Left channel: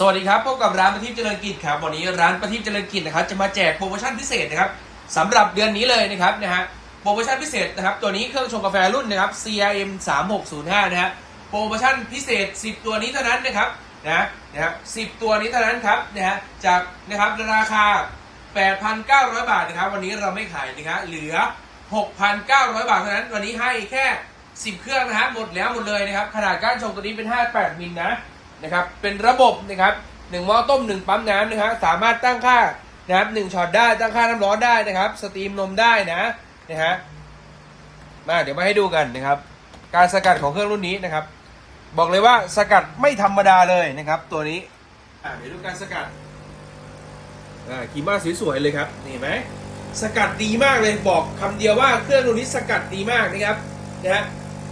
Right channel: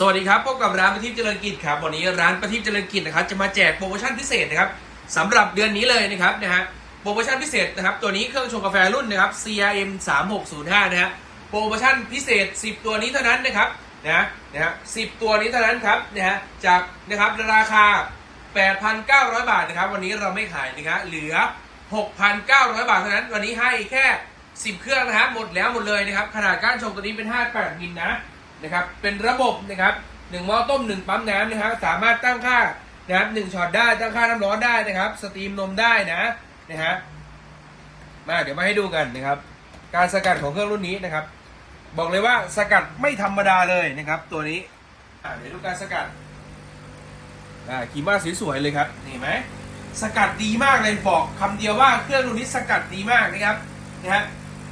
สวัสดีครับพบกับร้านประทีปเจริญกิจครับวันนี้ร้านประทีปเจริญกิจนะครับจะมาแจกโปรโมชั่นพิเศษนะครับสำหรับเดือนนี้เลยนะครับนะฮะโปรโมชั่นพิเศษนะครับตัวนี้เครื่องชงกาแฟรุ่นนะครับ CRM 3605นะฮะโปรโมชั่นพิเศษ 10 ตัวนี้เท่านั้นนะครับนะนะฮะ10ตัวนี้เท่านั้นครับนะฮะจากนะครับราคา 8,900 บาทนะครับ วันนี้เราไม่ขายนะครับเหลือ 6,900 บาทเท่านั้น วันนี้ให้แค่ 10 เครื่องนะฮะหมดแล้วหมดเลยนะครับขนาดก้านชงตัวนี้เป็น 58มิลนะ นะครับ เป็นระบบนะครับหนึ่งหม้อต้มหนึ่งปั๊มน้ำนะฮะสามารถตั้งค่านะครับหนึ่งช็อตได้ตั้งค่าน้ำร้อนได้นะครับ สตรีมนมได้นะนะฮะมาเดี๋ยวมาให้ดูกันนะครับ การสกัดของเครื่องรุ่นนี้นะครับ บอกเลยว่าสกัดไม่ธรรมดาเลยนะครับ ตัวนี้อ่าเดี๋ยวดูการสกัดอ่ากีมาสวยๆเลยครับนี่เห็นไหมสกัดดีมากเลยบอกคำเดียวว่าเครื่องรุ่นนี้สกัดดีมากนะครับนะฮะ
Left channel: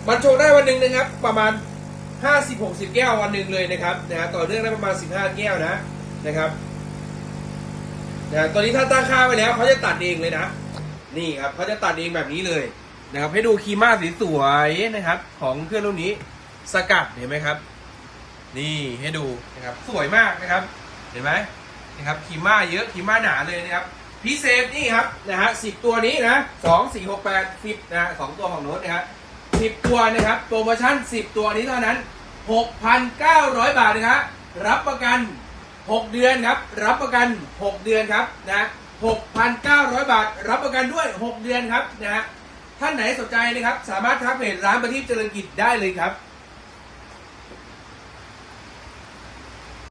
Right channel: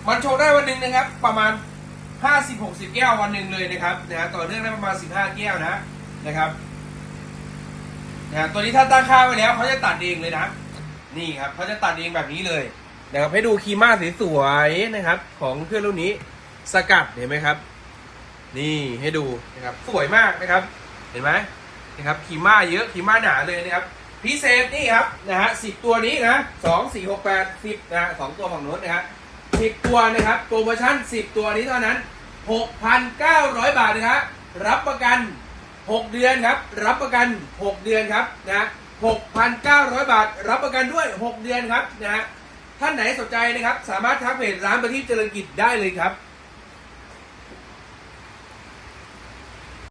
มันโชงได้วันหนึ่งนะครับ ประมาณ ห้าสิบหกสิบแก้ววันหนึ่งเลยนะครับนะฮะต่อเนื่องได้ประมาณสิบห้าแก้วนะนะครับนะตัวนี้ถ้าตั้งค่าไปแล้วเขาจะตัดเองเลยนะ นี่ครับเขาจะตัดเองแบบนี้เลยนะครับให้ดูคีม่าสวยนะครับ ของเพื่อนรุ่นนี้สกัดเห็นไหมครับ นี่ให้ดูนะครับสวยมากนะครับ เห็นไหมนะครับคีม่าเยอะคีม่าหนาเลยนะครับพิเศษนี่ครับนะฮะสิบตัวนี้นะสองสี่หกแปดสิบนะสองตัวของโน้ตนะครับ 10 ตัวนะครับ โปรโมชั่น 10 ตัวนี้เท่านั้น 6,900 บาทนะครับ รับประกัน 6 เดือนครับ รับประกัน 6 เดือนครับนะ 6,900 บาท รับประกันด้วย 6 เดือนครับนะฮะท่านไหนสนใจนะครับ สามารถทักเพจร้านประทีปเจริญกิจได้เลยครับ